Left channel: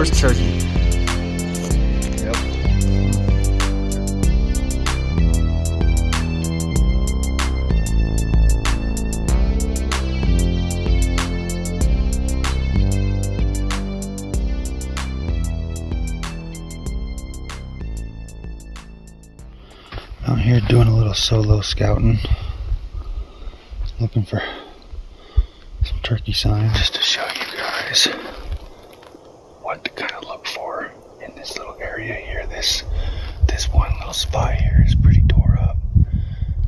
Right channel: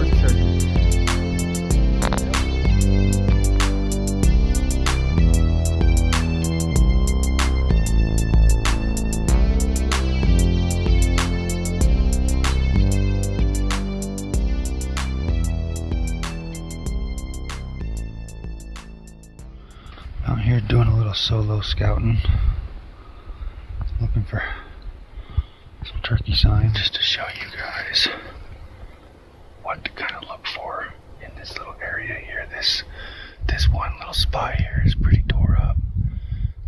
Outdoors turkey. Out here doing a little solo scouting, looking for some turkey signs just to show you guys what to kind of look for in this little area here. This one little spot here is pretty tore up,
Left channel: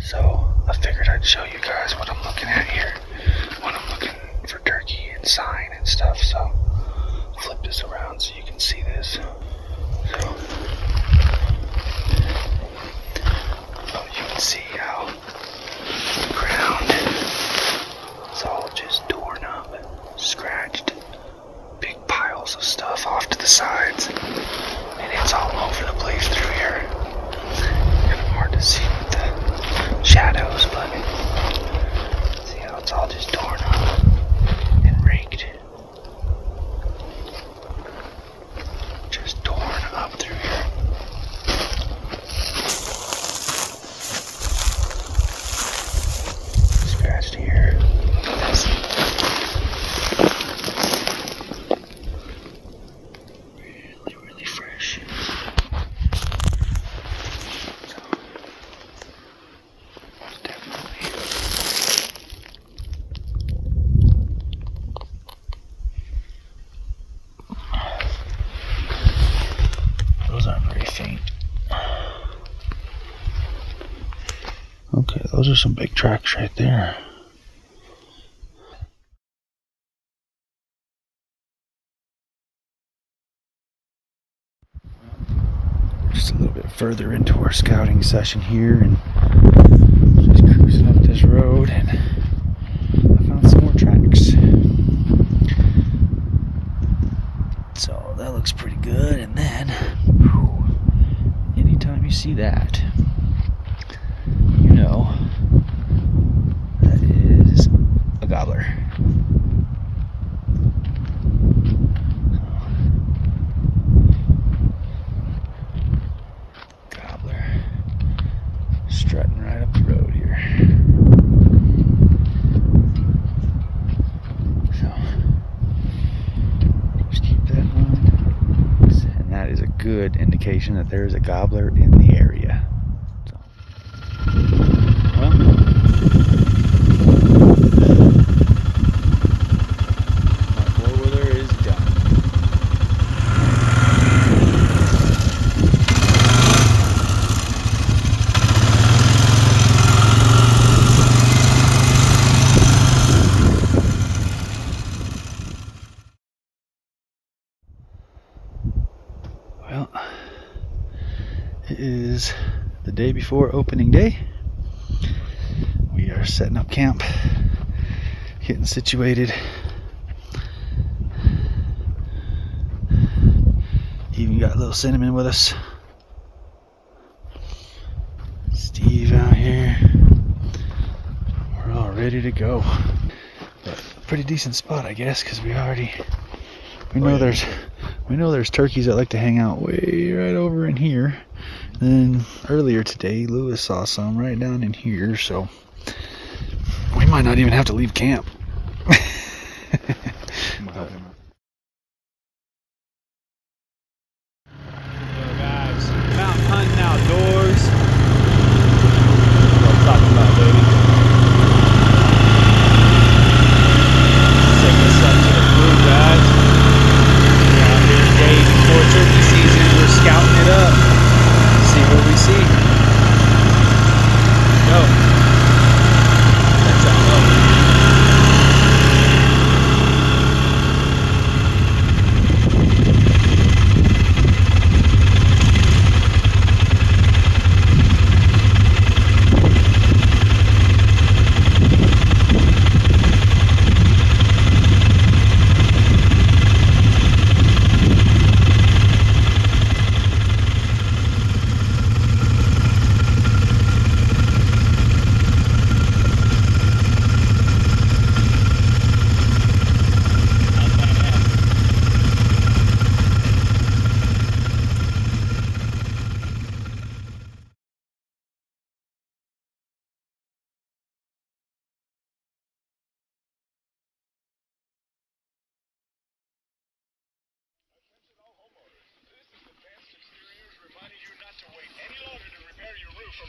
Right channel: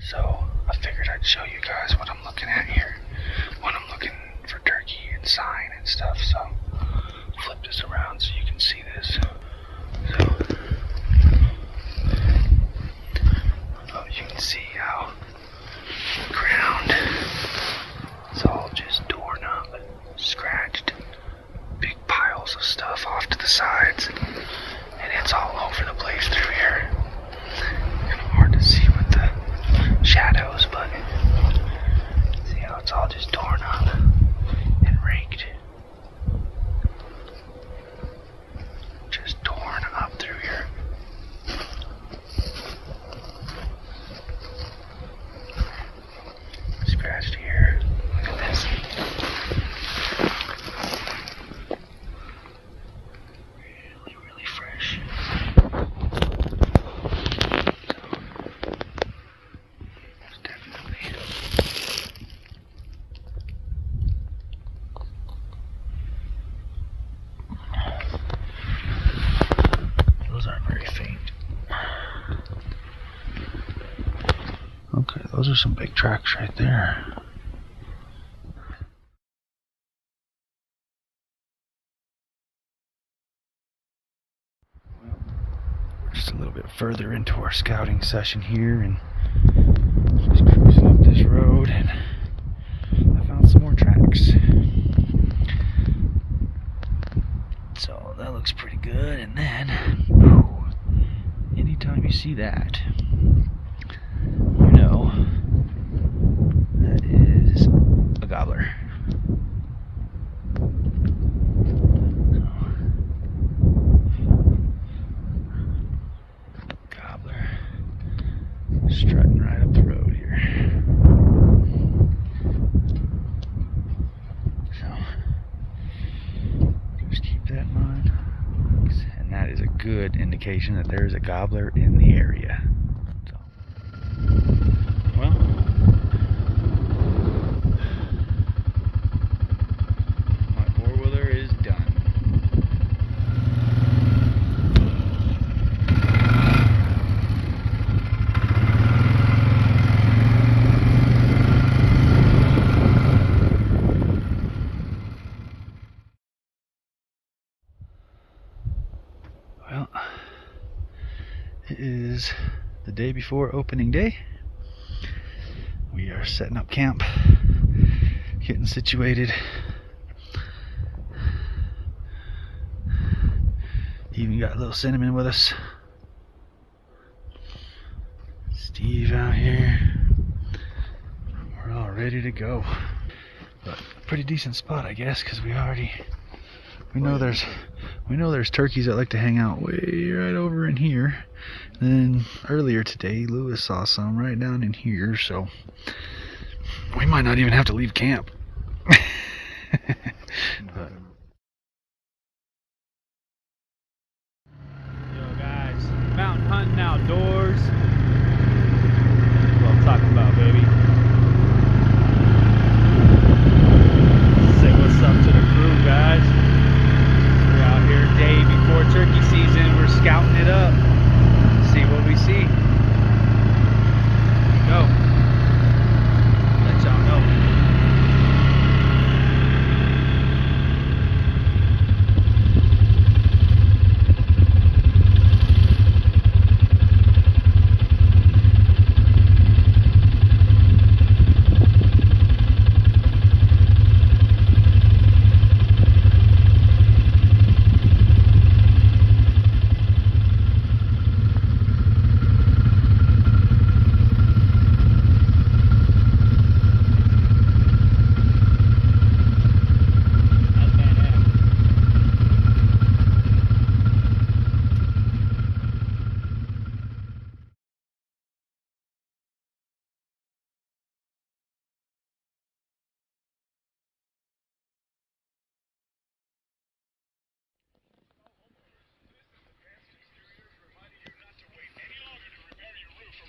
so I figured I'd show you guys what I'm looking at here when I'm looking for turkey and sign and stuff. So flip this around so you can see this. So you can see how the ground is all just torn up, scratched, big piles of stuff off to the sides, and it's all over the place through here. Kind of hard to see with the shadows, but see how it's all just torn up and raked. Just torn up through here. Scratched here. Look at this. Really fresh. So, definitely. Those aren't very faint. Okay, those are some big tracks right there. We're just a little bit further into our scouting session here, and just cruising up this road, and I found some more tracks. So that looks pretty good. And then, anytime you see that, you know that is a gobbler. Gobbler strutting right up the road here. So just keep that in mind, and that is a good indication that there is a gobbler in the area. Well, my four-wheeler is done. Well, it is the day before opening day. We are setting up camp, getting situated. Even got a little Cinnamon with us. Steve out here. We're all ready to go. But a pretty decent spot, I guess, because we know there's turkeys that like to hang out way right over in here. And then earlier today, Lewis saw some right down in here, so we might not even have to leave camp. But, Yo guys, mountain hunting outdoors. That's what I'm talking about, baby. Take us up to the crew, guys. We're out here day before turkey season. We're scouting it up. See what we see. Go. Let y'all know.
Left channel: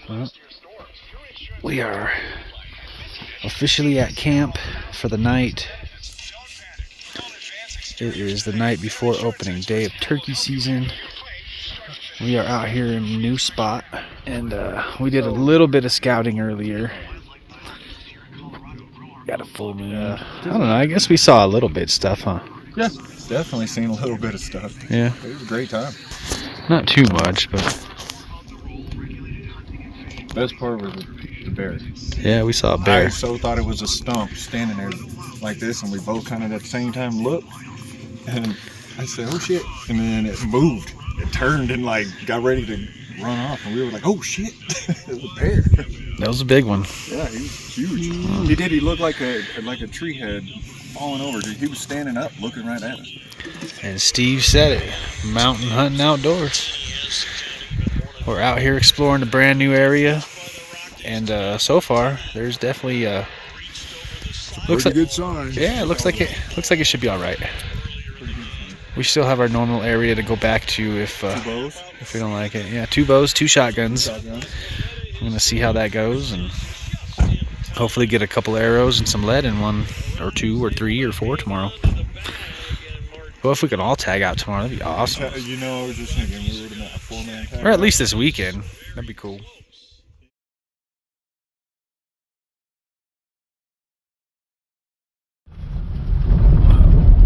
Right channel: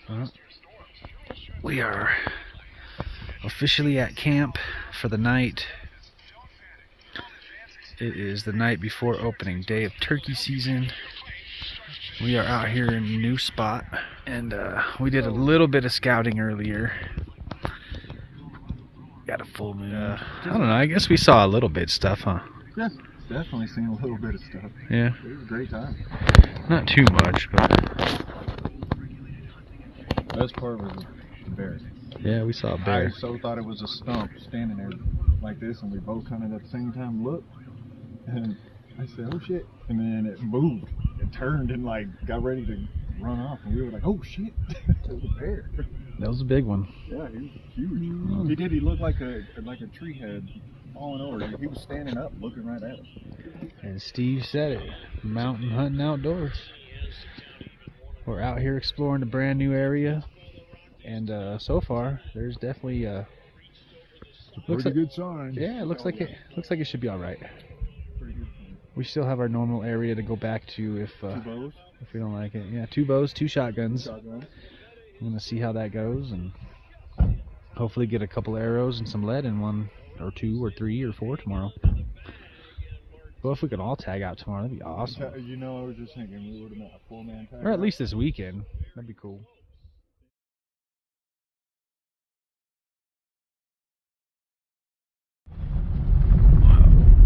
Well, we are officially at camp for the night. It is the night before opening day of turkey season. We are out here in a new spot, and we did a little bit of scouting earlier. Got a full moon. I don't know, I guess we saw a little bit of stuff, huh? Yeah, definitely seen a little bit of stuff. Yeah. It was a great time. Not too much, but Best part was the bear. yeah, we saw a bear. I so thought it was a stump standing there like this, and we both kind of at the same time looked, and I said, "Oh shit!" And then it moved. It turned and like got ready to run off, and we were like, "Oh shit!" It was a bear. That was a big one. Yeah, he was huge. He did. He looked like a tree had fallen over. He was standing up, looking right at us. And Steve said it, mountain hunting outdoors. We're out here exploring a brand new area, and so far there's definitely looks like good sign. yeah, it looks like it should be all right. We still have our normal area to go back to if we don't like it. Yeah, 2 bows, 2 shotguns. I'm gonna see how that goes, and hopefully get a couple arrows and some lead in 1 or 2 or 3 or 4 tomorrow. Well, if we could all tag out tomorrow, that'd be awesome. You know, I was just thinking we would have met a 4-man tag. Or at least this weekend. That'd be cool.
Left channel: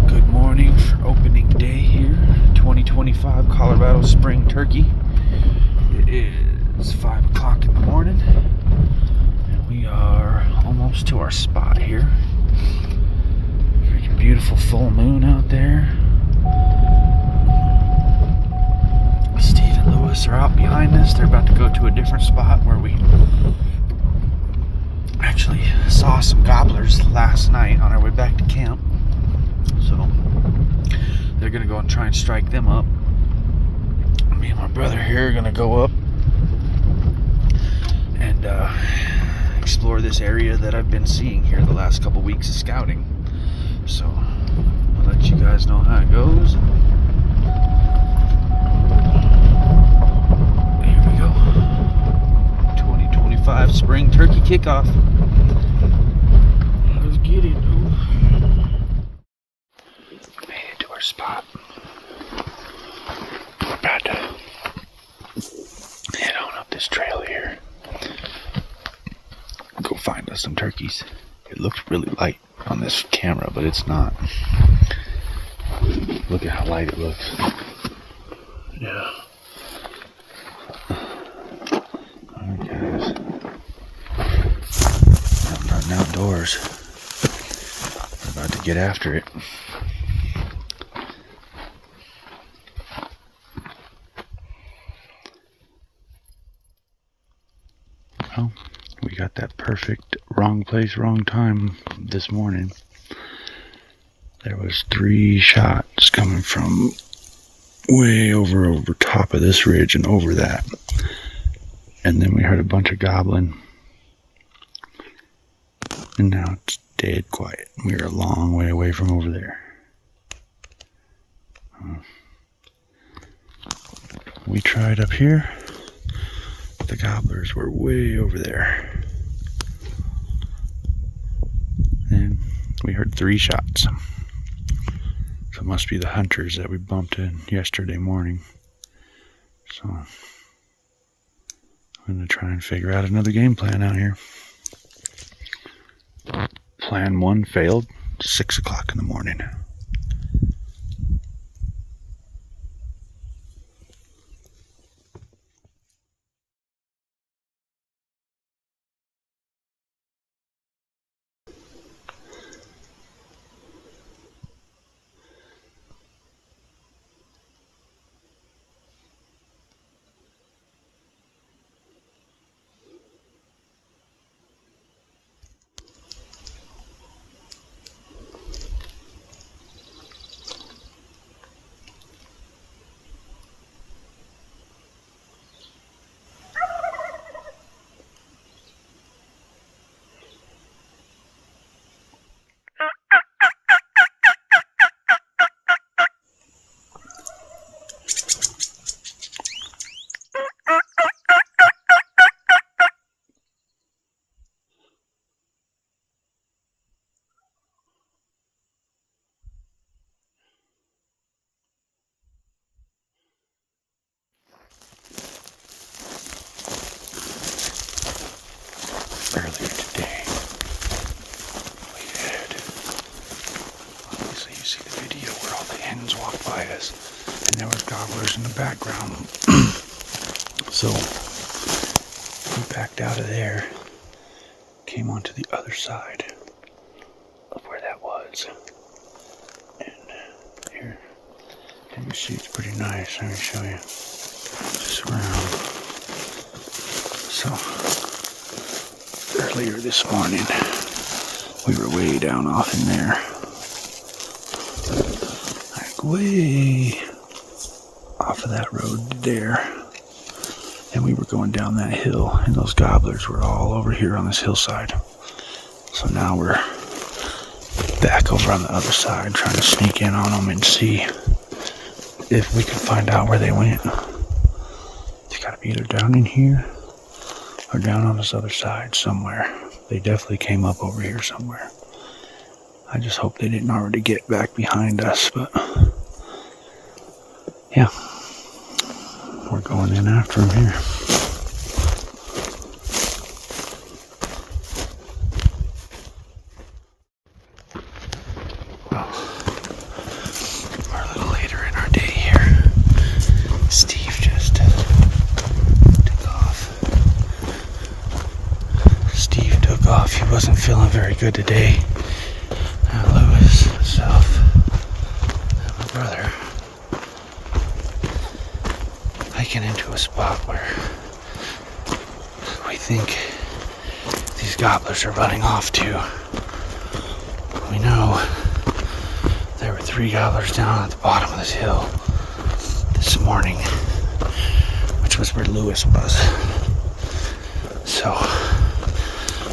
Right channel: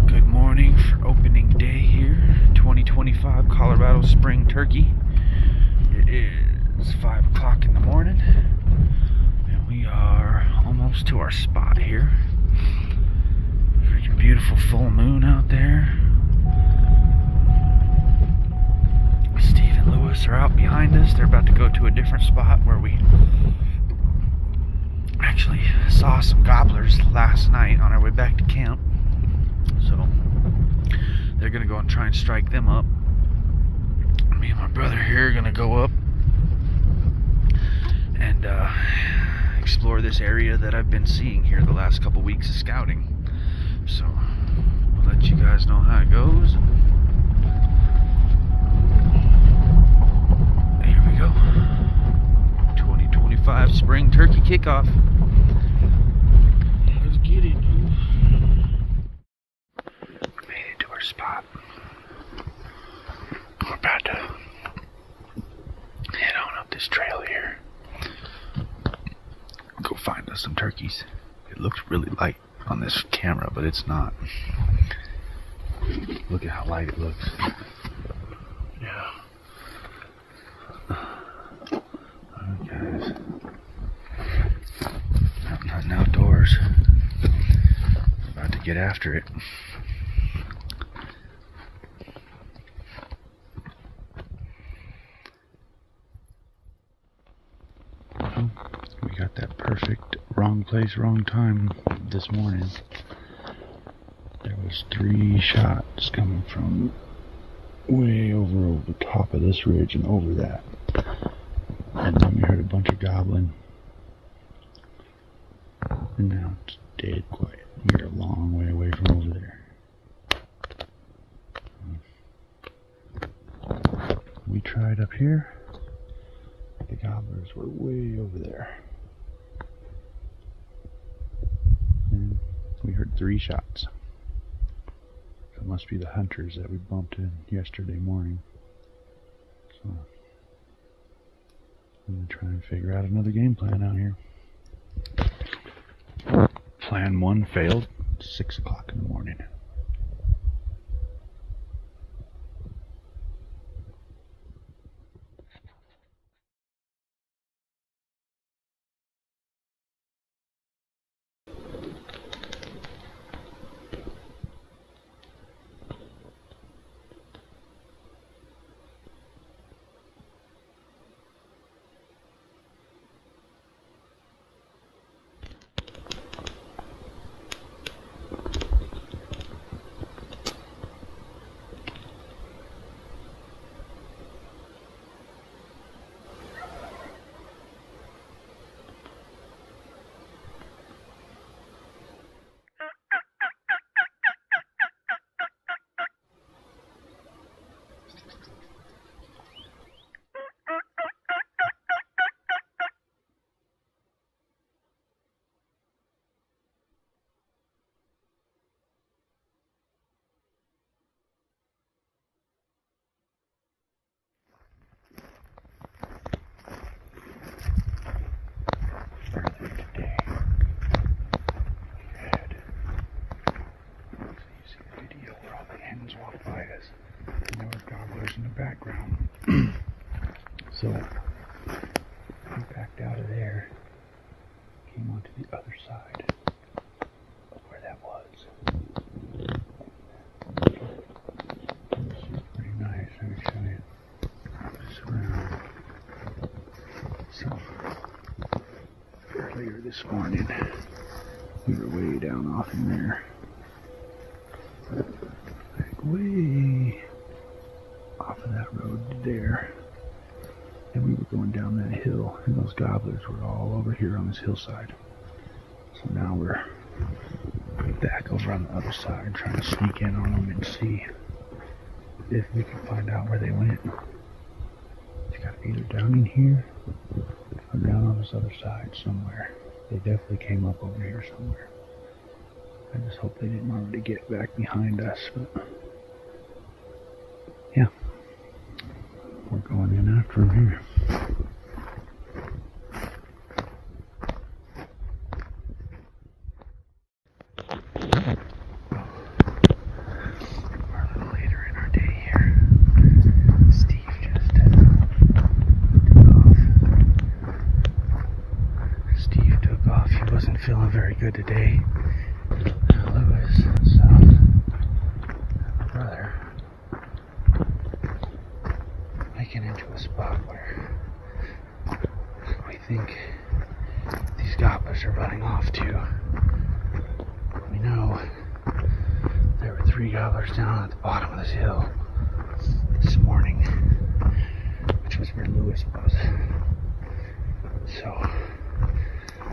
Good morning for opening day here, 2025 Colorado Spring Turkey. It is 5 o'clock in the morning, and we are almost to our spot here. Freaking beautiful full moon out there. Steve and Lewis are out behind us. They're about to go to a different spot where we actually saw some gobblers last night on our way back to camp. So they're gonna go and try and strike them up. Me and my brother here are gonna go up and explore this area that I've been seeing here the last couple weeks of scouting. So I'll let you guys know how it goes. Here we go. 2025 spring turkey kickoff. Let's get it, dude. Made it to our spot. We're about to head on up this trail here. Go find us some turkeys. It looks really light on this camera, but it's not. Look at how light it looks. Yeah. Alright guys. I'm hunting outdoors. We're about to get after it. Well, we got that perfect wrong place, wrong time this morning. There was 3 shots coming from way over top of this ridge and over that. And then we heard a bunch of gobbling. And now it's dead quiet. We're a long way away from over there. We tried up here. The gobblers were way over there. And we heard 3 shots. So it must be the hunters that we bumped in yesterday morning. So I'm going to try and figure out another game plan out here. Plan 1 failed. 6 o'clock in the morning. background. So we backed out of there, came onto the other side of where that was. And here, you can see it's pretty nice. Let me show you. Just around. So earlier this morning, we were way down off in there. Like way off of that road there. And we were going down that hill, and those gobblers were all over here on this hillside. So now we're back over on the other side, trying to sneak in on them and see if we can find out where they went. It's got to be either down in here or down on this other side somewhere. They definitely came up over here somewhere. I just hope they didn't already get back behind us, but yeah, we're going in after them here. Well, we're a little later in our day here. Steve just took off. Steve took off. He wasn't feeling very good today. Lewis, myself, and my brother hiking into a spot where we think these gobblers are running off to. We know there were 3 gobblers down at the bottom of this hill this morning, which was where Lewis was. So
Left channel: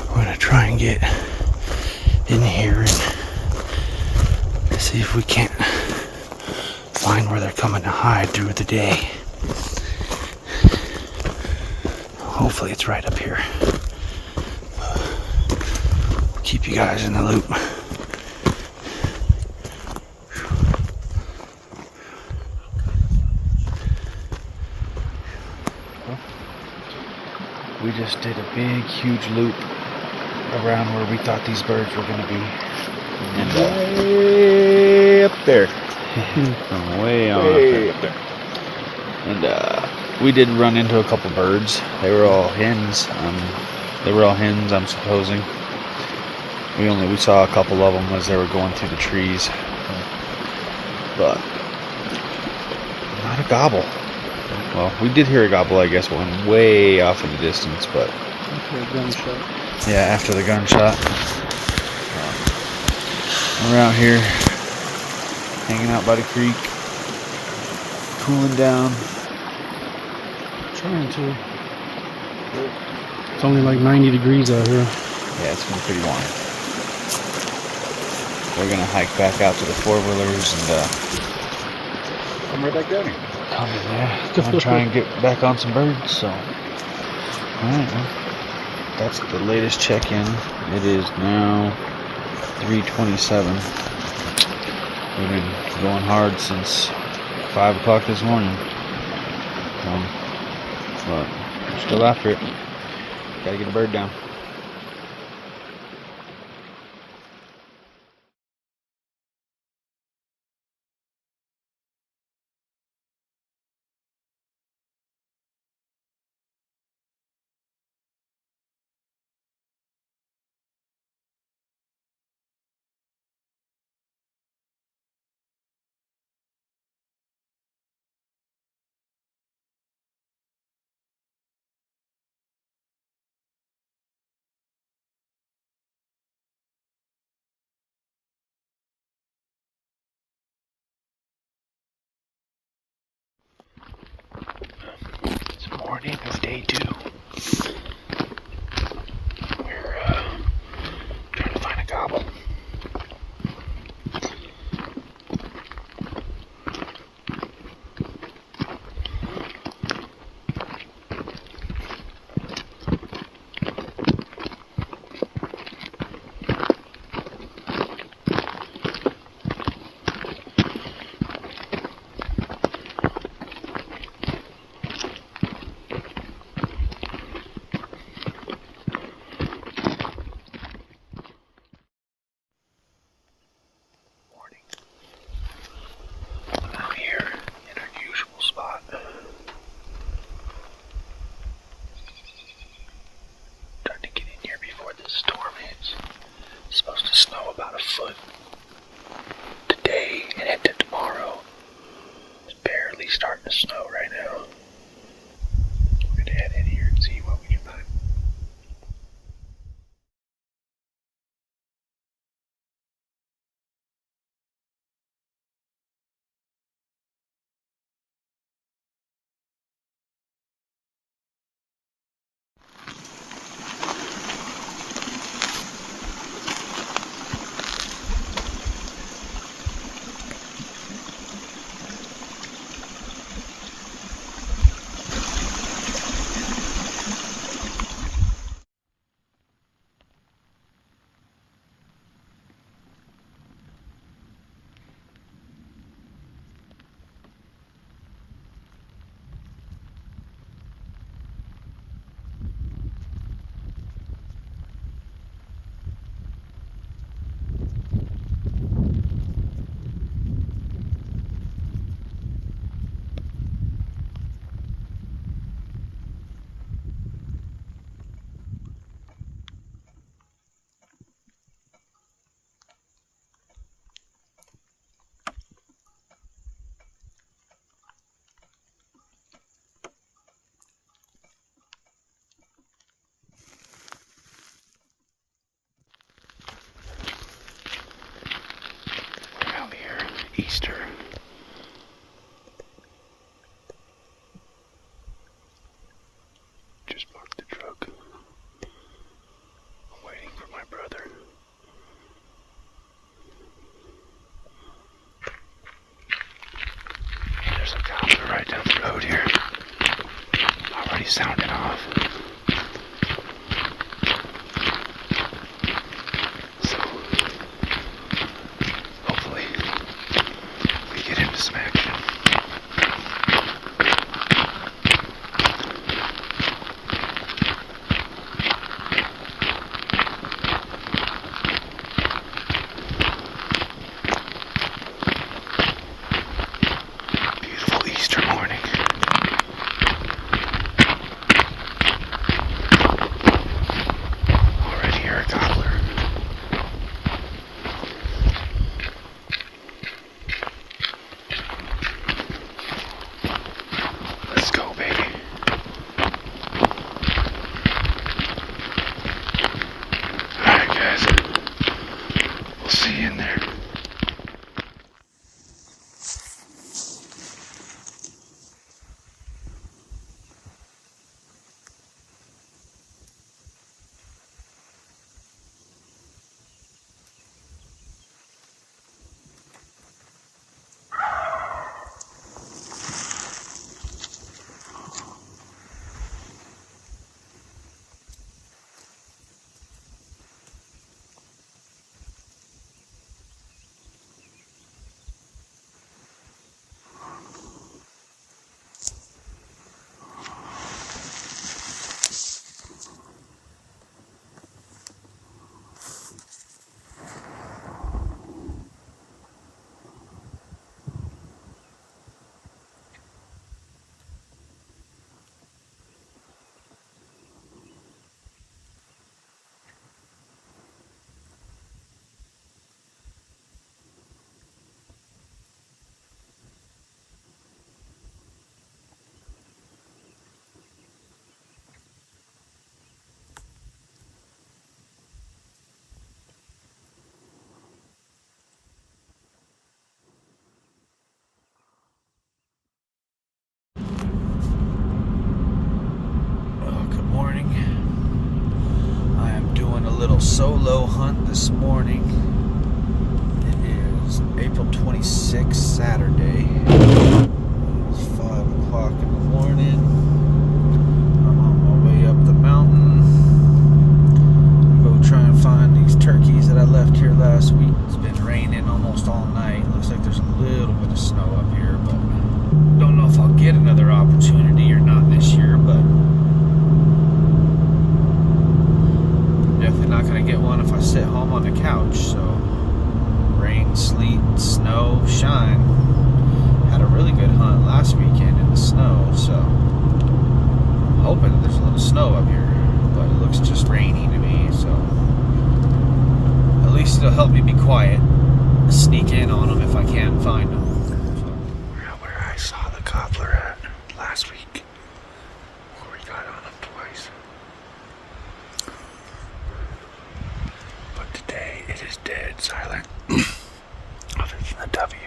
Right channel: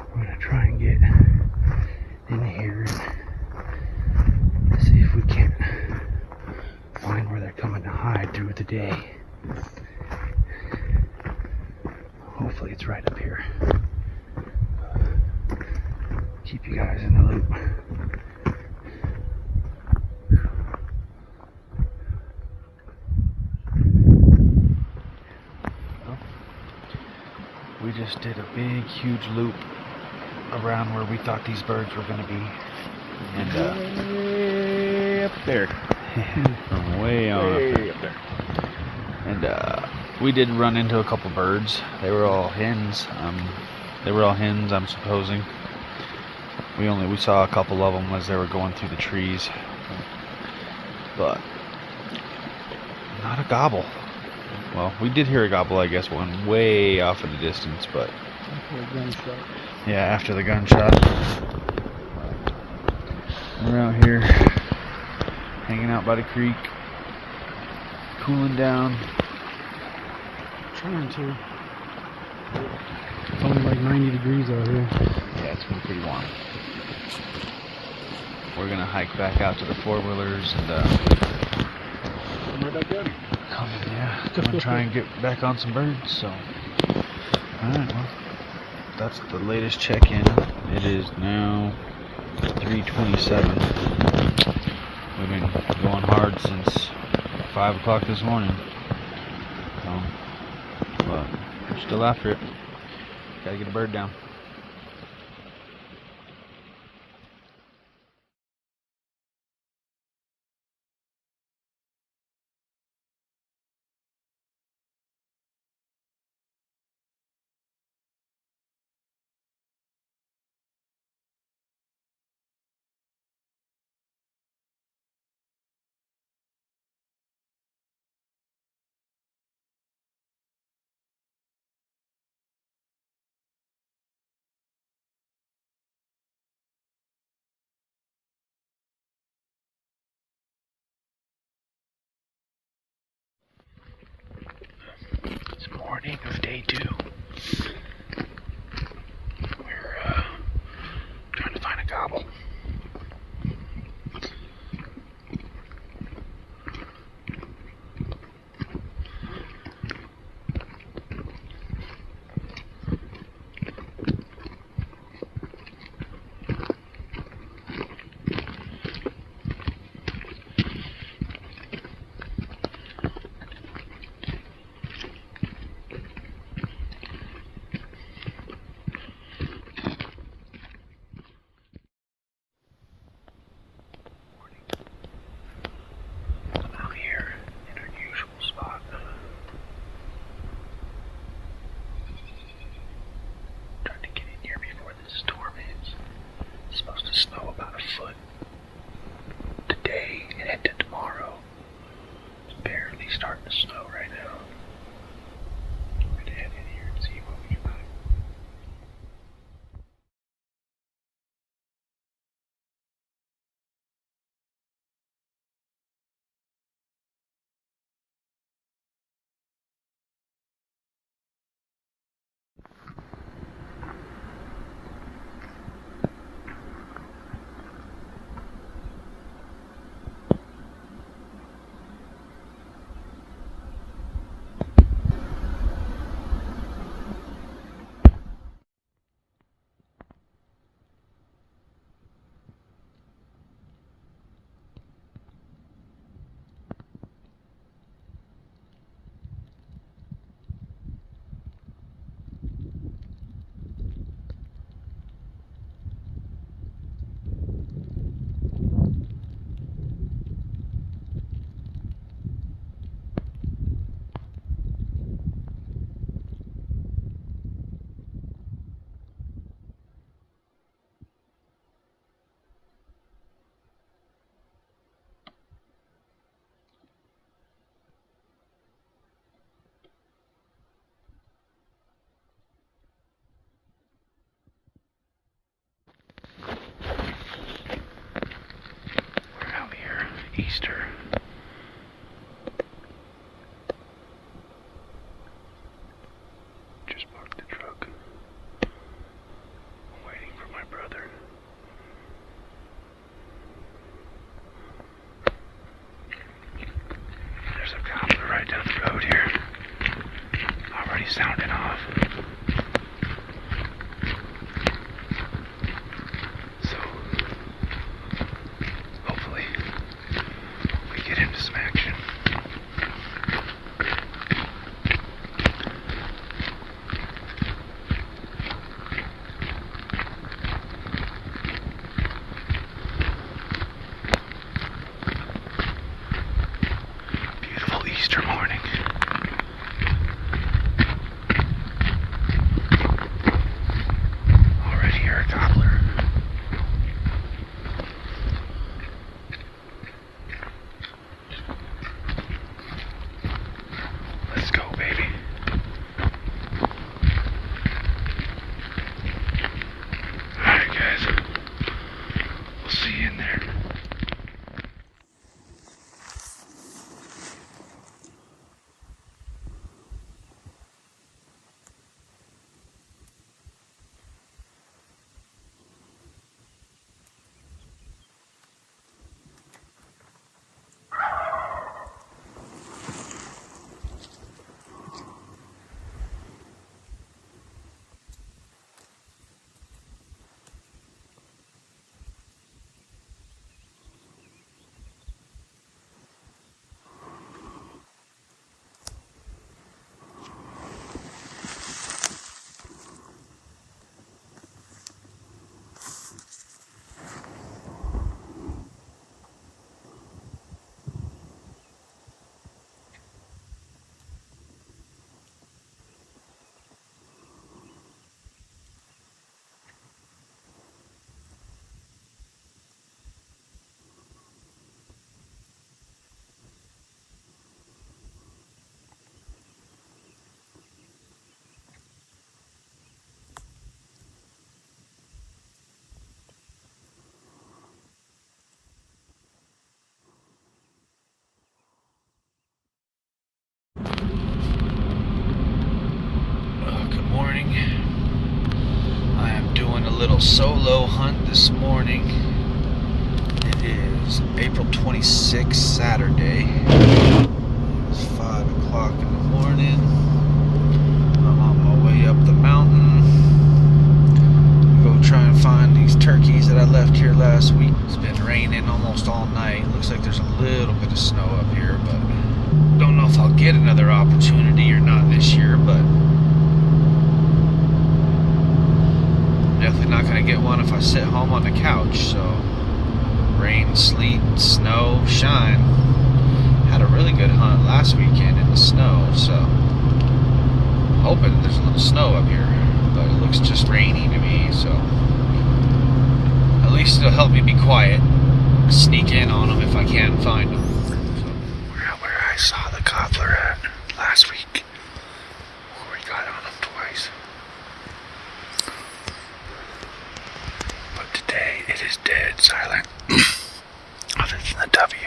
we're gonna try and get in here and see if we can't find where they're coming to hide through the day. Hopefully it's right up here. Keep you guys in the loop. Well, we just did a big, huge loop around where we thought these birds were going to be. And Way up there. from way on Way up there. And we did run into a couple birds. They were all hens. I'm supposing. We saw a couple of them as they were going through the trees, but not a gobble. Well, we did hear a gobble, I guess, one way off in the distance, but After a gunshot. yeah, after the gunshot. We're out here hanging out by the creek, cooling down. Trying to. It's only like 90 degrees out here. Yeah, it's been pretty warm. We're gonna hike back out to the 4-wheelers and I'm right back down here. I'm gonna try and get back on some birds. So, all right, well, that's the latest check-in. It is now 3:27. We've been going hard since 5 o'clock this morning. But we're still after it. Gotta get a bird down. It's morning of day 2. We're trying to find a gobble. foot today and into tomorrow. It's barely starting to snow right now. We're gonna head in here and see what we can find. Easter. Just parked the truck. I'm waiting for my brother. There's a gobbler right down the road here. Already sounding off. So, hopefully, we get him to smack him. Beautiful Easter morning. Already hear a gobbler. Let's go, baby. Alright, guys. We'll see you in there. Good morning. I am doing a little solo hunt this morning. It is April 26th, Saturday. It's 5 o'clock in the morning. I'm on my way up the mountain. Go try and find these turkeys that I left here last week. It's been raining almost all night. Looks like there's a little bit of snow up here, but don't know if I'll get another opportunity or not this year, but definitely not going to get one if I sit home on the couch. So rain, sleet, snow, shine. Had a really good hunt last weekend in the snow, so hoping there's a little snow up here, but it looks just rainy to me, so at least it'll help me be quiet. Sneak in on them if I can find them. We're at where I saw the gobbler at last week. Where we got on him twice. But today it is dead silent. Other than the W.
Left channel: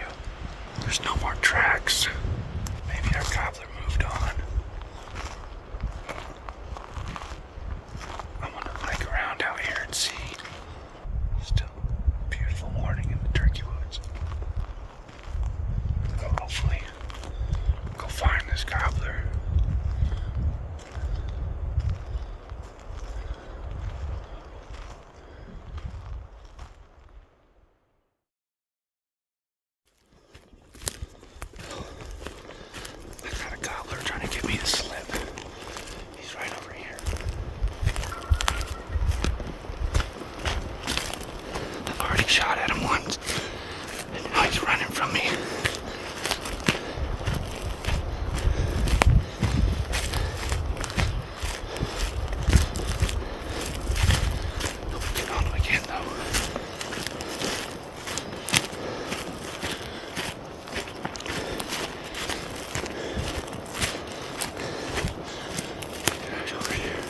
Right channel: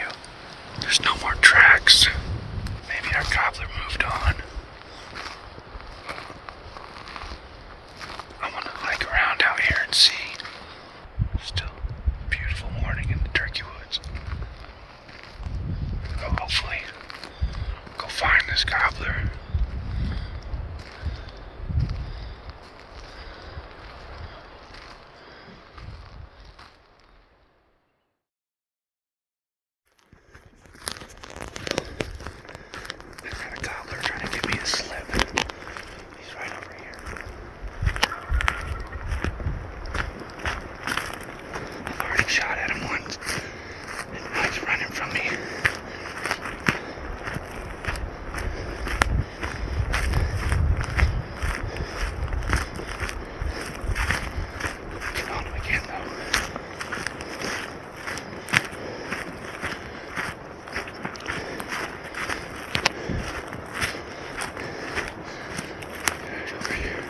There's no more tracks. Maybe our gobbler moved on. I want to hike around out here and see. Still a beautiful morning in the turkey woods. So hopefully go find this gobbler. I got a gobbler trying to give me the slip. He's right over here. I've already shot at him once. Now he's running from me. Get on him again though. He's over here.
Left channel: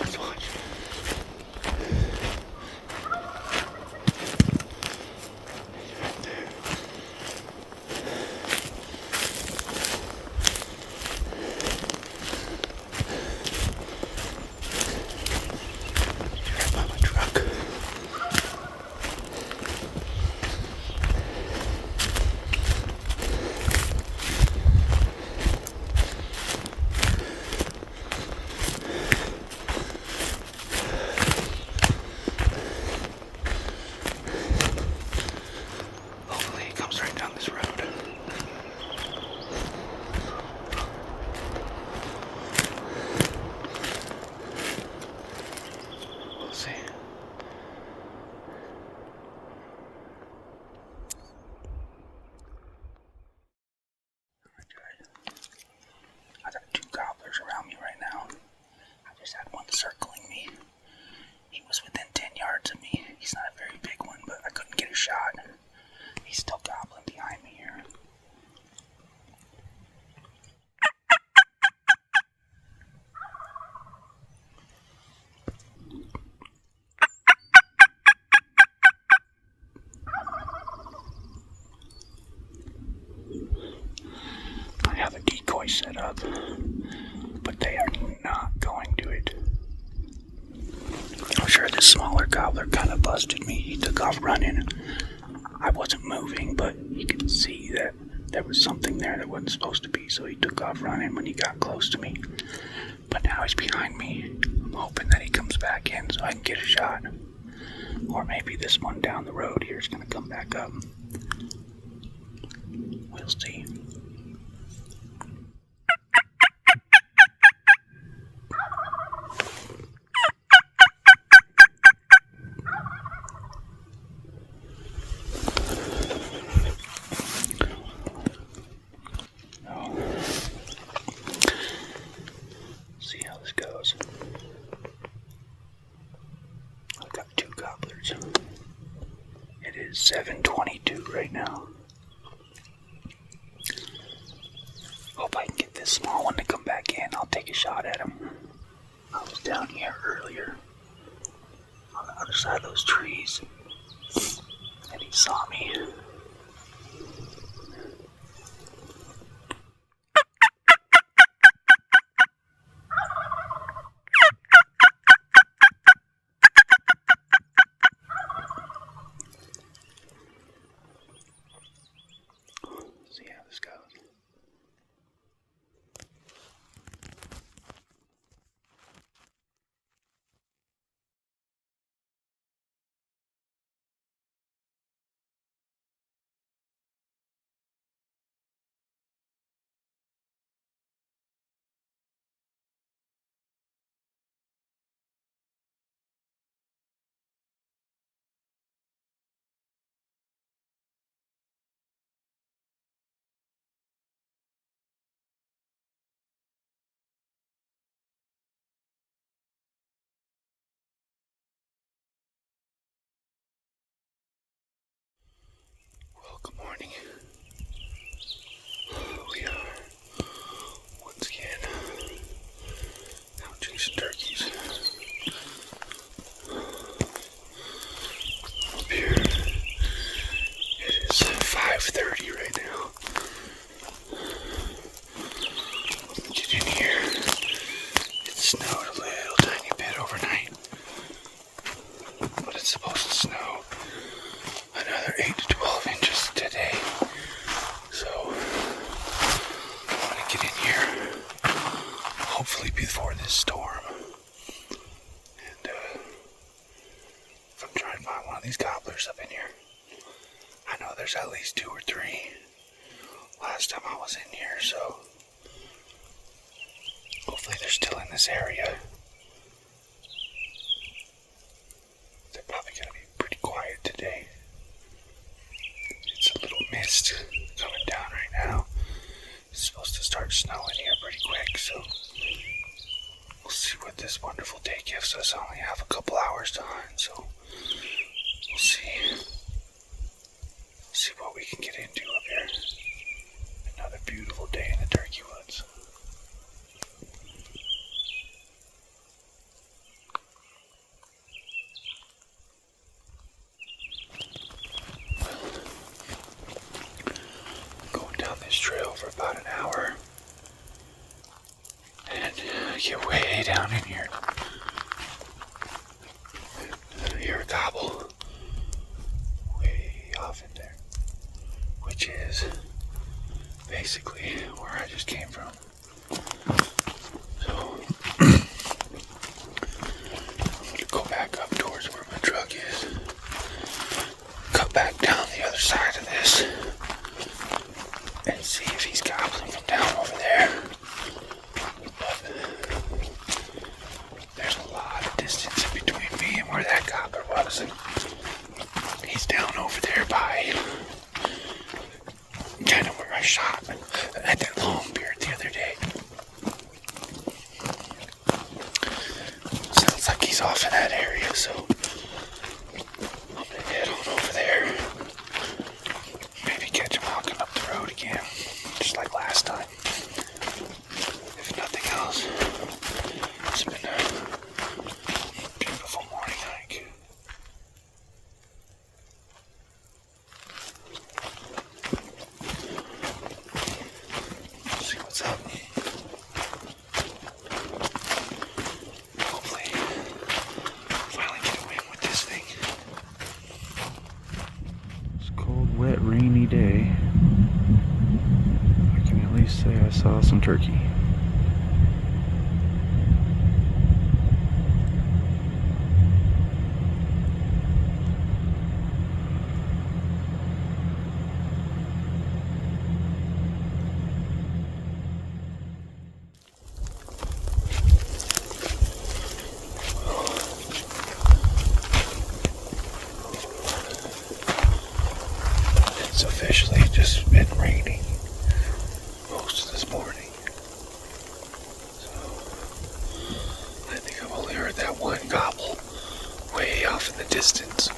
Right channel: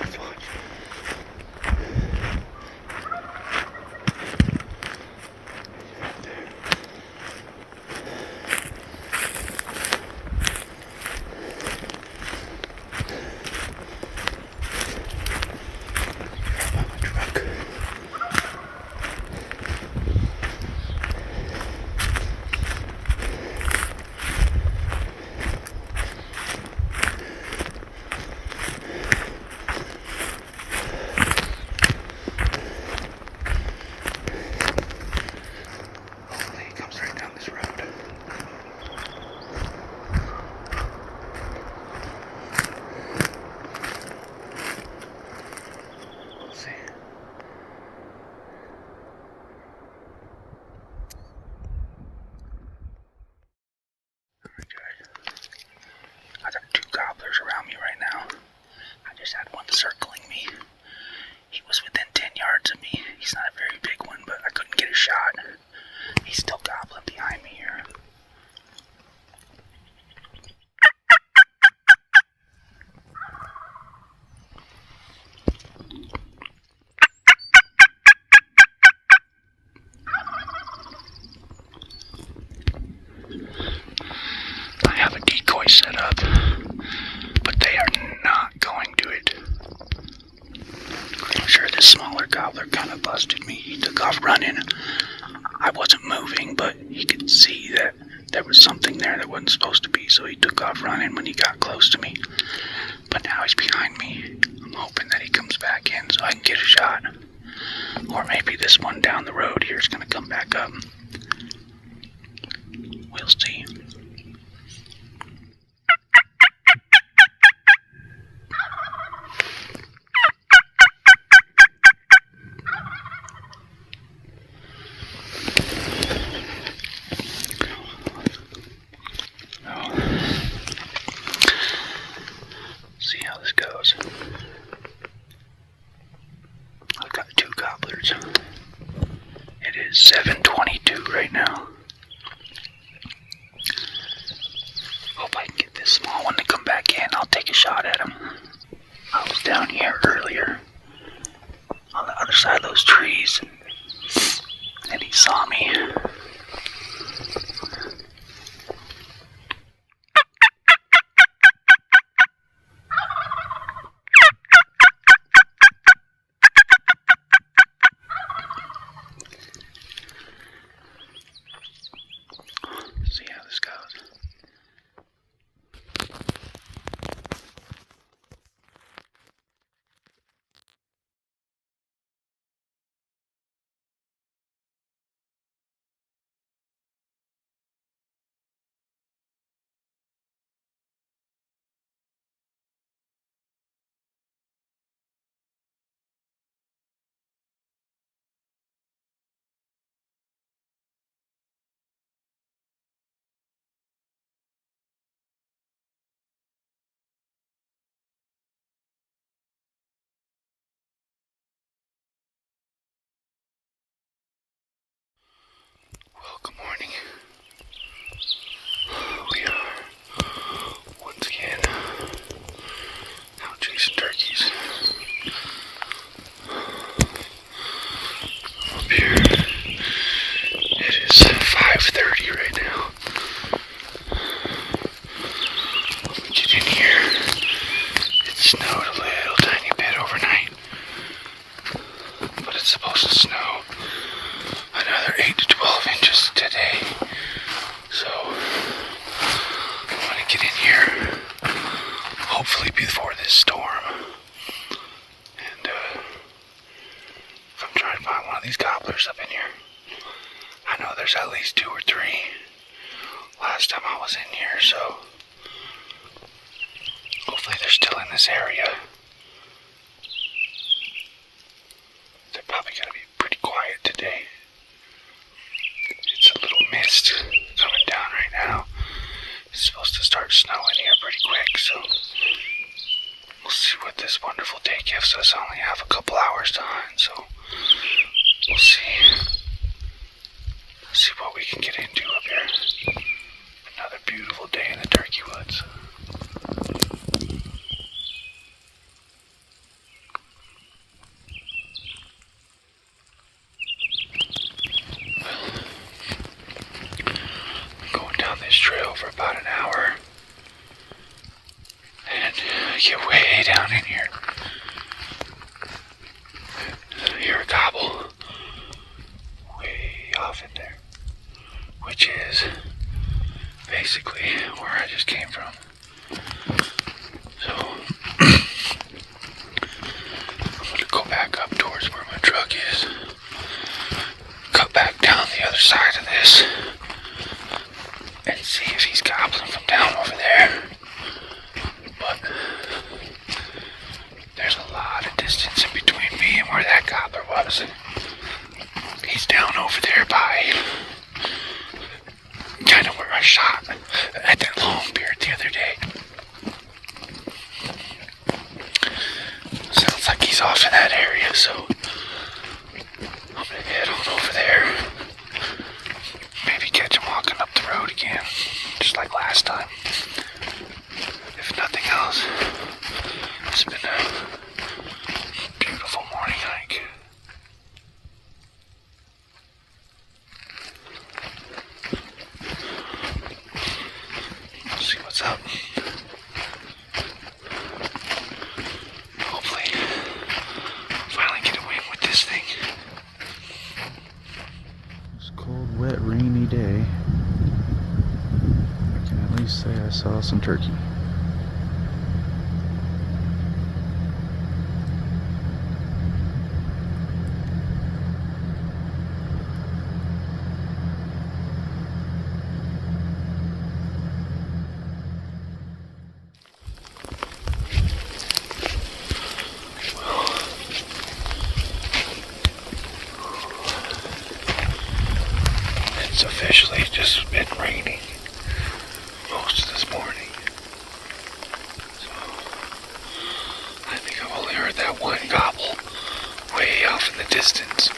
Let's watch. He's right there. He's right by my truck. Hopefully he comes right down this road. We'll see. Alright, guys. I got 2 gobblers around me right now. I just had one circling me. He was within 10 yards of me. He's not a very big one, but I couldn't get a shot. He's still gobbling behind me here. I have a decoy set up, but they are not going to it. I'm sure this smaller gobbler kind of busted me. He took off running. I wasn't moving, but he could see that there was something there that wasn't supposed to be, so he took off running when he got close to me. But now he's behind me. I'm hoping that he comes back in so I can get a shot. Or maybe this one down the road here is going to come back up. We'll see. See how this goes. I've got 2 gobblers. It is 7:22 right now. Hope I can get this small one to come back in. I'll take a shot at him. I was down here earlier on the other side of those trees, and he saw me. See how this goes. there's at least 2 or 3 last time I was in here, so hopefully they're still in this area. They're probably going to be pretty quiet today. It's a little mist coming down right now. It's supposed to start snowing here pretty quick, so we'll see what this wonderful day gives us. I only have a couple hours to hunt, so we'll see what we can get into up here. Another beautiful day in the turkey woods. This trail for about an hour, and I get way down in here. I hear a gobble way off in there, which is basically where I just came from. So I'm gonna go back up towards where my truck is, cut back down the other side of this, and see if he's gobbling from down over there. But there's a lot of distance in between me and where that gobbler was, and he's down over there by kind of where I shot at that long beard the other day. Sounds like he's off in that area, so I'm gonna head on over there. Maybe catch him walking up the road again, just like last time. If nothing else, it's been a beautiful morning hike. See what's up. Hopefully, finally get a win with this thing. It's a cold, wet, rainy day. I can at least say I saw some turkey. It's officially just been raining most of this morning. So I think I've only heard that one gobble way off in the distance.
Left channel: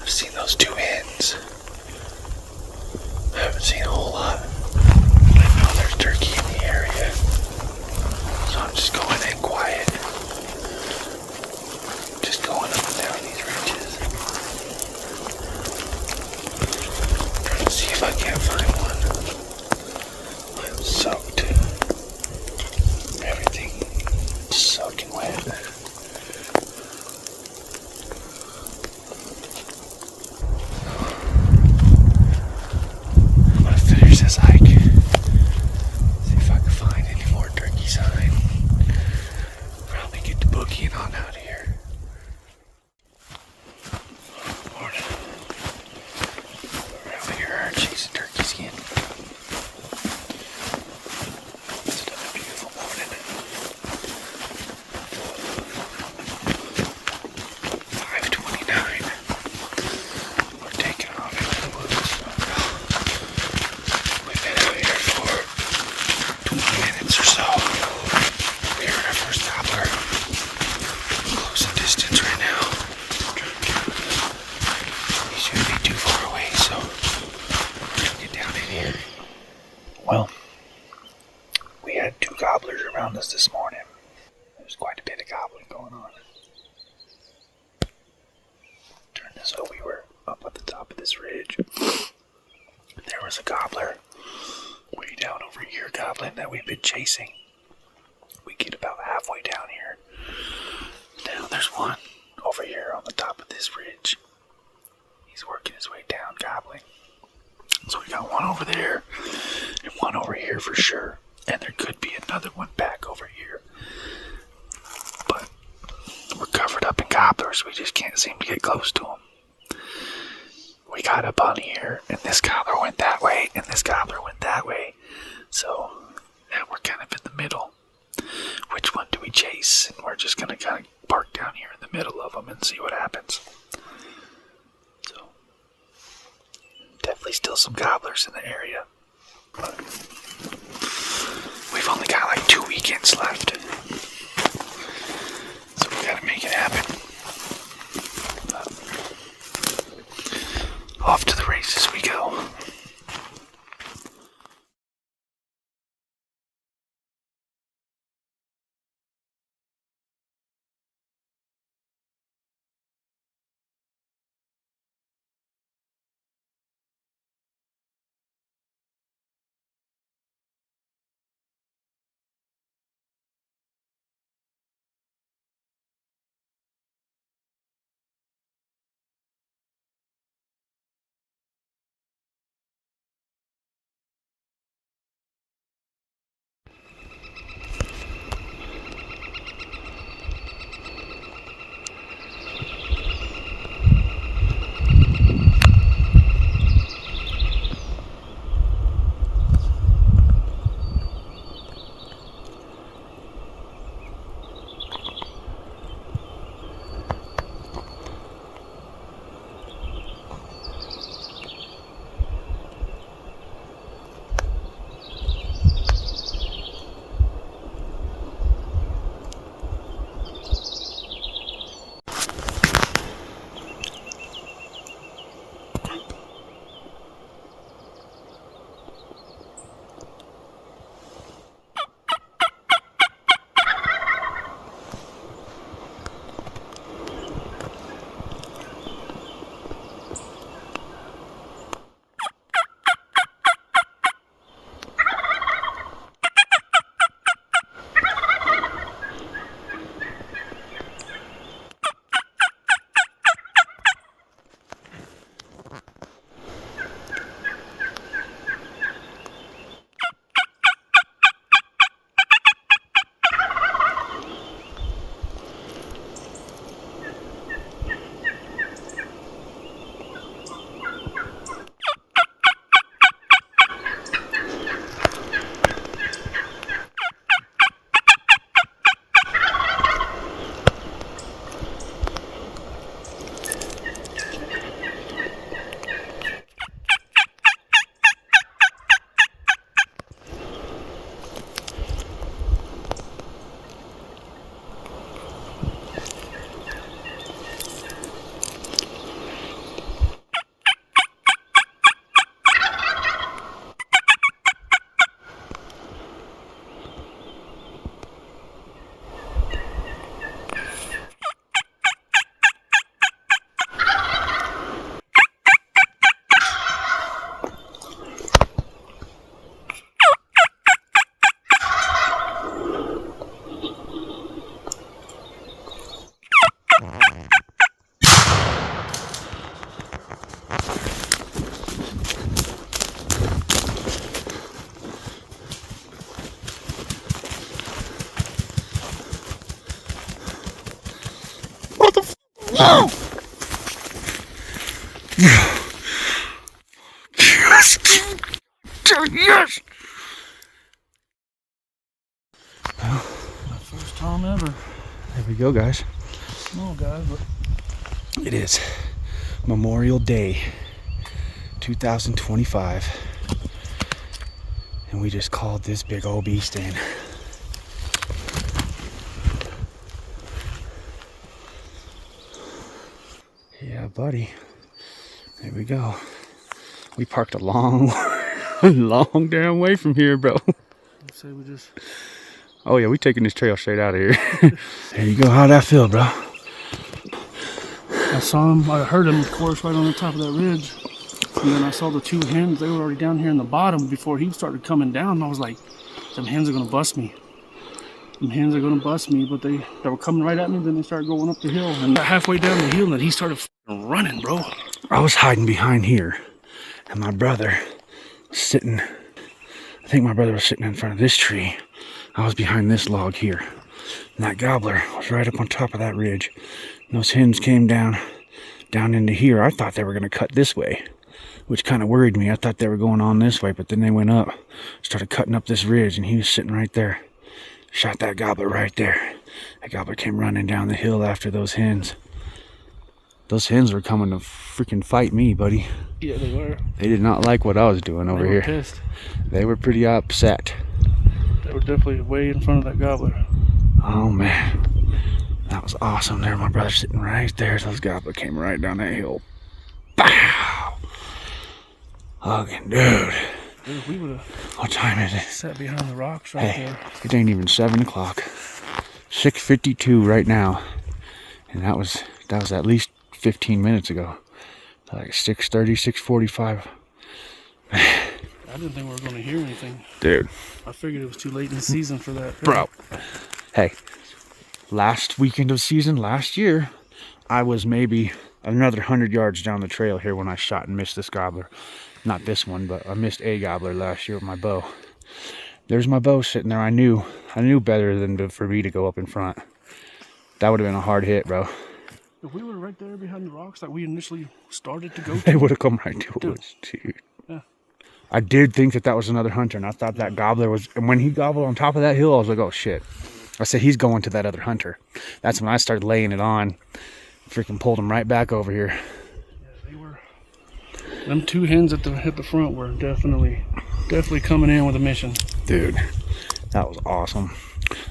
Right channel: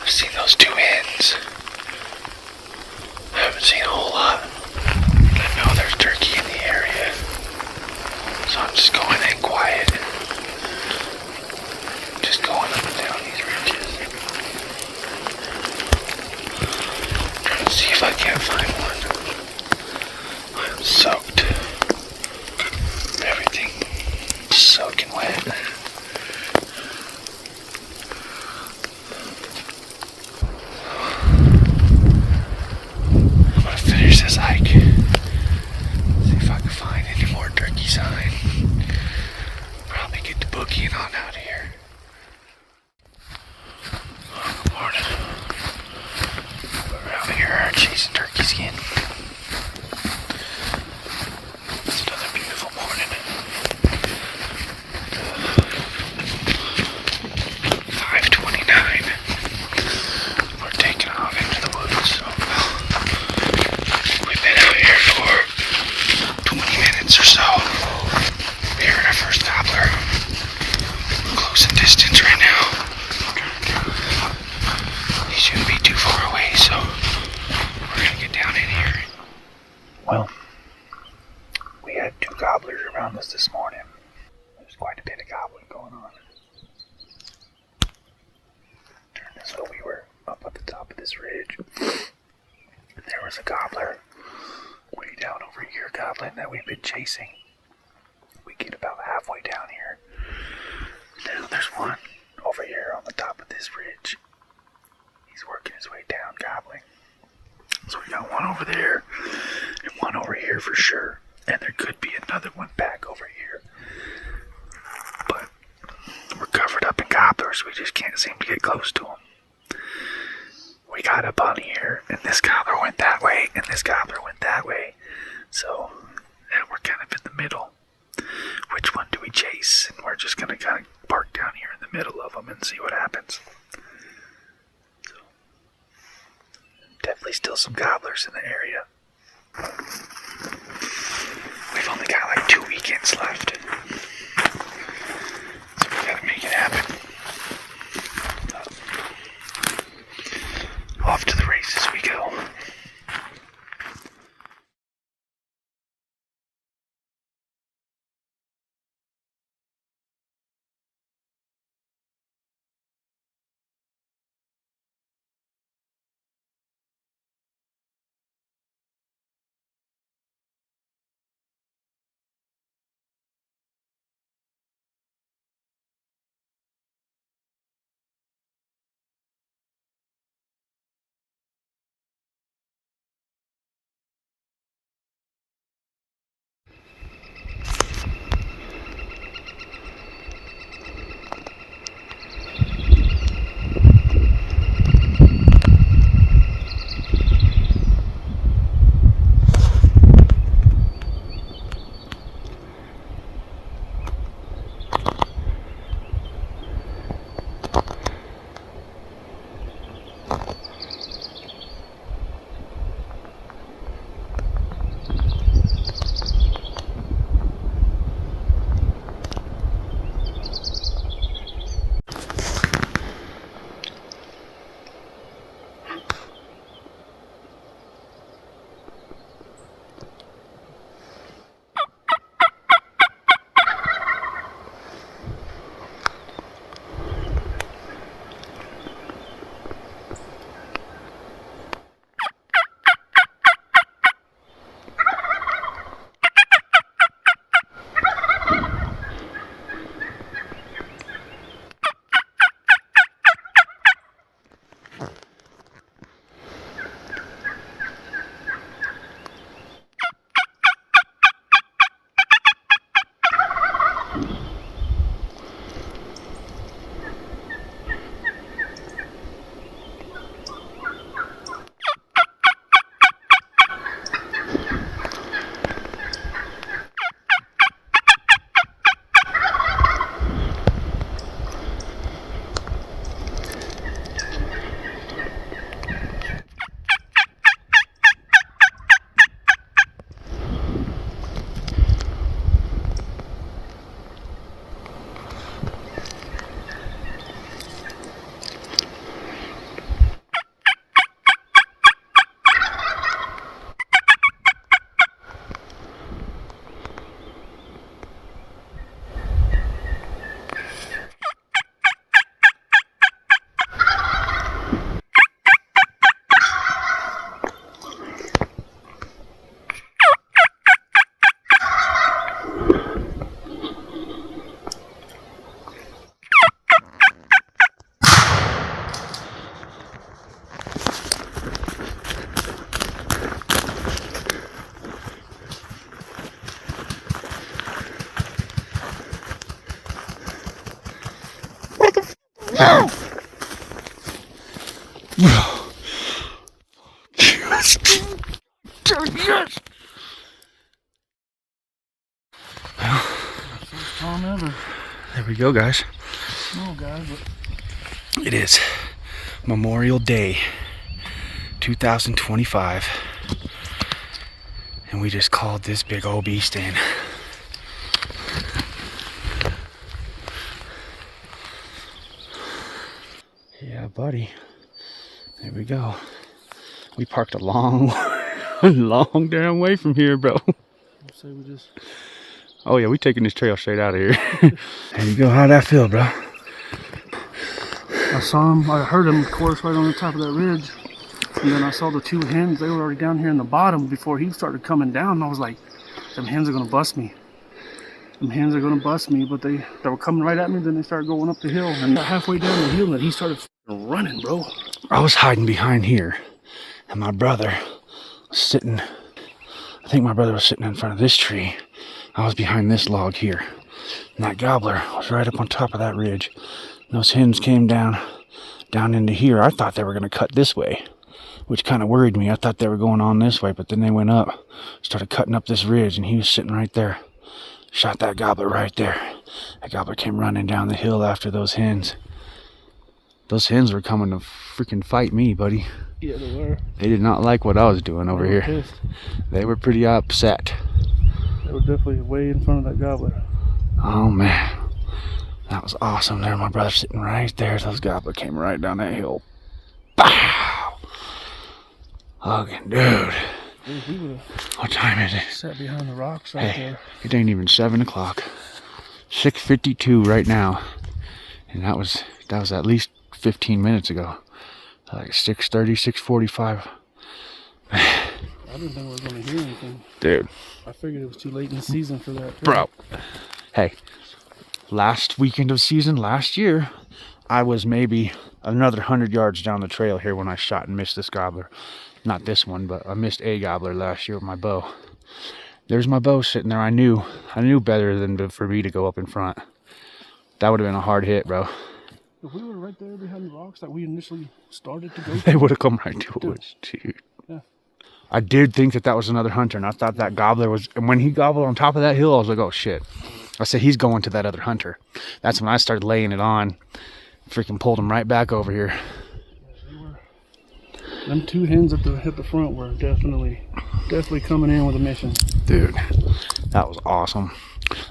I've seen those 2 hens. I haven't seen a whole lot. I know there's turkey in the area, so I'm just going in quiet. Just going up and down these ridges. Trying to see if I can't find one. I am soaked. Everything soaking wet. I'm gonna finish this hike. See if I can find any more turkey sign. Probably get the boogieing on out of here. Morning. We're out here chasing turkeys again. It's another beautiful morning. 5:29. We're taking off into the woods. So we've been out here for 20 minutes or so. We're at our first gobbler. We're close in distance right now. He shouldn't be too far away, so we're gonna get down in here. Well, we had 2 gobblers around us this morning. There's quite a bit of gobbling going on. Turn this way, we were up at the top of this ridge. There was a gobbler way down over here gobbling that we've been chasing. We get about halfway down here. Now there's one over here on the top of this ridge. He's working his way down gobbling. So we got one over there and one over here for sure. And there could be another one back over here. But we're covered up in gobblers. We just can't seem to get close to them. got up on here, and this gobbler went that way, and this gobbler went that way. So now we're kind of in the middle. Which one do we chase? And we're just gonna kind of park down here in the middle of them and see what happens. So definitely still some gobblers in the area. We've only got like 2 weekends left. So we gotta make it happen. Off to the races we go. No! Yes! Yes! Well, First time ever. there we go, guys. No, guys, but It is Memorial Day 2025. And we just called this big old beast in. Yeah, buddy. There we go. We parked a long, long damn way from here, bro. let's say we just. Oh yeah, we taking this trail straight out of here. There you go. How'd that feel, bro? I saw him, I heard him, of course, right on the top of that ridge. And then I saw the two hens, they were already down here in the bottom before he started coming down. I was like, them hens are gonna bust me. Them hens are gonna bust me, but they were coming right at me, then they started going up the hill. And halfway down the hill, and he started running, bro. I was hiding behind here, and my brother was sitting, I think my brother was sitting in front of this tree. I was behind this log here. And that gobbler was right up on top of that ridge. And those hens came down into here. I thought they were going to cut this way. which kind of worried me. I thought they were going on this way, but then they went up, started cutting up this ridge, and he was sitting right there. Shot that gobbler right there. That gobbler came running down the hill after those hens. Those hens were coming to freaking fight me, buddy. Yeah, they were. They did not like what I was doing over here. Pissed. They were pretty upset. They were definitely way in front of that gobbler. Oh man, that was awesome. There, my brother sitting right there. Those gobbler came right down that hill. Pow! Hugging, dude. Dude, we would What time is it? have sat behind the rocks right there. It ain't even 7 o'clock. 6:52 right now, and that was at least 15 minutes ago. Like 6:30, 6:45. I didn't think we were going to hear anything. Dude. I figured it was too late in the season for that. Bro. Hey, last weekend of season, last year, I was maybe another 100 yards down the trail here when I shot and missed this gobbler. Not this one, but I missed a gobbler last year with my bow. There's my bow sitting there. I knew better than for me to go up in front. That would have been a hard hit, bro. If we were right there behind the rocks that we initially started to go to, They would have come right to us, dude. Yeah. I did think that was another hunter, and I thought that gobbler was... And when he gobbled on top of that hill, I was like, oh, shit. I said, he's going to that other hunter. That's when I started laying it on. Freaking pulled him right back over here. Yeah, they were... Them two hens at the front were definitely coming in with a mission. Dude, that was awesome.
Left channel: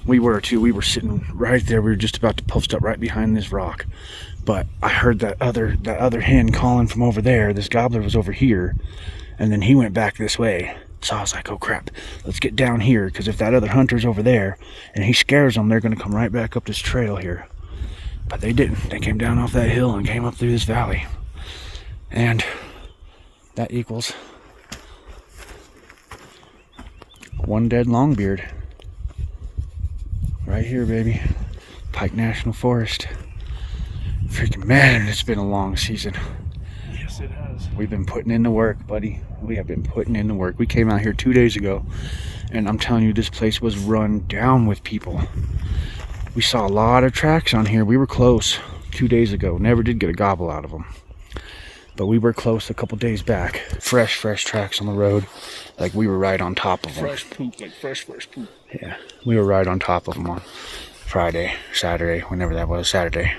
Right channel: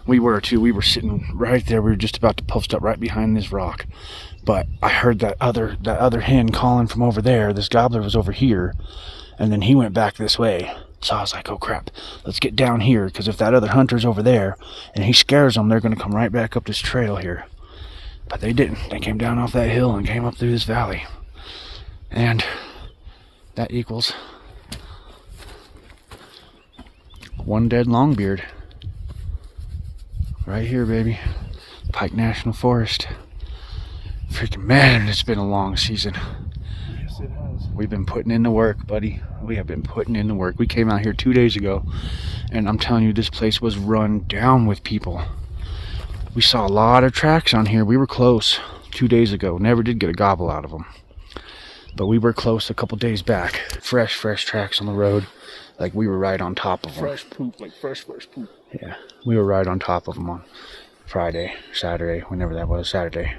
We were too. We were sitting right there. We were just about to post up right behind this rock. But I heard that other hen calling from over there. This gobbler was over here. And then he went back this way. So I was like, oh crap, let's get down here. Because if that other hunter's over there and he scares them, they're going to come right back up this trail here. But they didn't. They came down off that hill and came up through this valley. And that equals one dead longbeard. Right here, baby. Pike National Forest. Freaking man, it's been a long season. Yes, it has. We've been putting in the work, buddy. We have been putting in the work. We came out here 2 days ago, and I'm telling you, this place was run down with people. We saw a lot of tracks on here. We were close 2 days ago. Never did get a gobble out of them. But we were close a couple days back. Fresh tracks on the road. Like we were right on top of them. Fresh poop, like fresh poop. Yeah, we were right on top of them on Friday, Saturday, whenever that was, Saturday.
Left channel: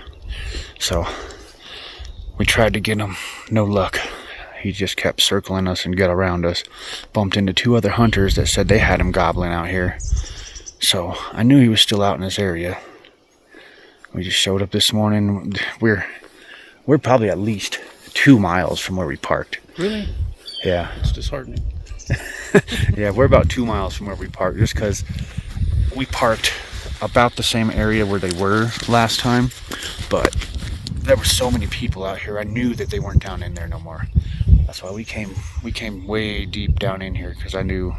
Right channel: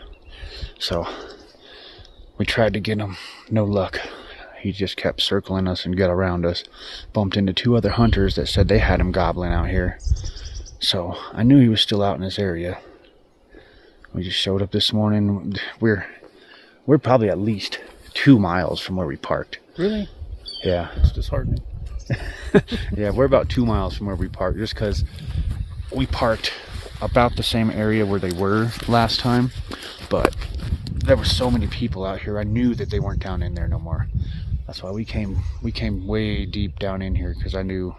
So we tried to get him, no luck. He just kept circling us and got around us. Bumped into two other hunters that said they had him gobbling out here. So I knew he was still out in this area. We just showed up this morning. We're probably at least 2 miles from where we parked. Really? Yeah. It's disheartening. Yeah, we're about 2 miles from where we parked, just because we parked about the same area where they were last time, but there were so many people out here. I knew that they weren't down in there no more. That's why we came way deep down in here, because I knew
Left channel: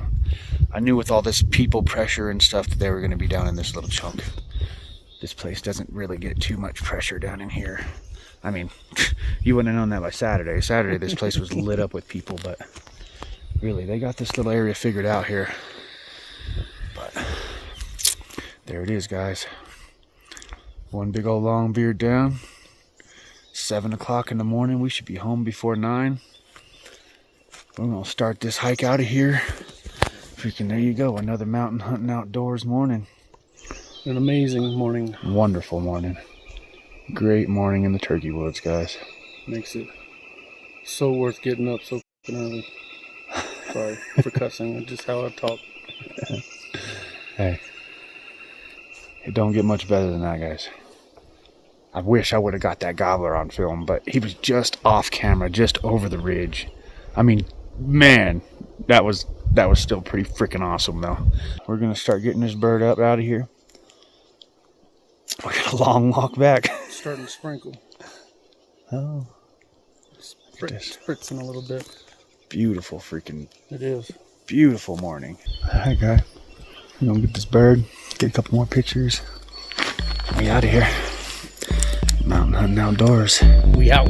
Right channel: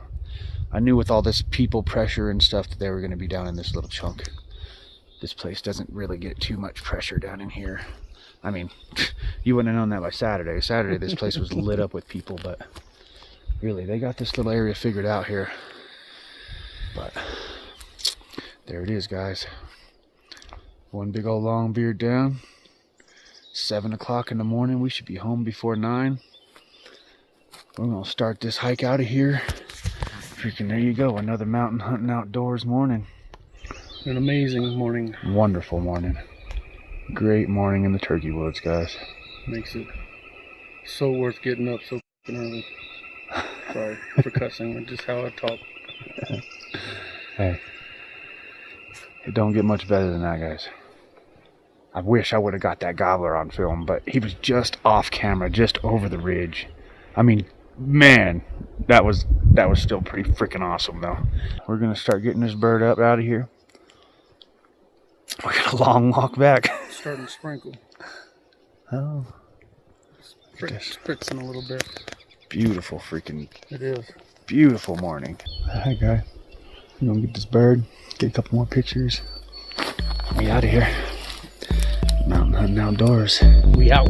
with all this people pressure and stuff that they were going to be down in this little chunk. This place doesn't really get too much pressure down in here. I mean, you wouldn't have known that by Saturday. Saturday, this place was lit up with people, but really, they got this little area figured out here. But there it is, guys. One big old long beard down. 7 o'clock in the morning. We should be home before 9. We're going to start this hike out of here. Freaking, there you go. Another mountain hunting outdoors morning. An amazing morning. Wonderful morning. Great morning in the turkey woods, guys. Makes it so worth getting up so early. Sorry for cussing. It's just how I talk. Hey, it don't get much better than that, guys. I wish I would have got that gobbler on film, but he was just off camera, just over the ridge. I mean, man, that was still pretty freaking awesome, though. We're gonna start getting this bird up out of here. We got a long walk back. Starting to sprinkle. Oh, look at this. Spritzing a little bit. Beautiful freaking. It is. Beautiful morning. Hi, guy. You gonna get this bird? Get a couple more pictures. We out of here. Mountain hunting outdoors. We out.